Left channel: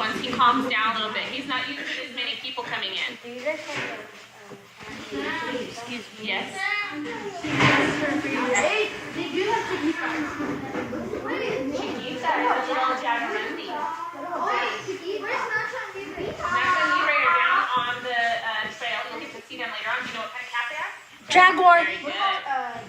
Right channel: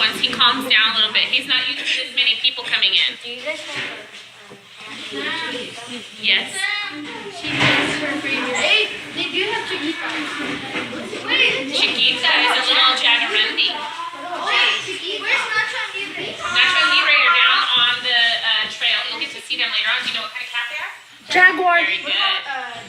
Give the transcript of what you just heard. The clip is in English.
once he calms down a little bit. He's not used to this many people coming in. Do you guys have Yes. Hey, did you have Chiquita? Wait, Chiquita is a little jaguarundi. wait, Chiquita. Where's Nacho Libre? Nacho Libre are down on the trail. You'll get to see them later on. Do you know what kind of cat they are? Jaguar. Very good.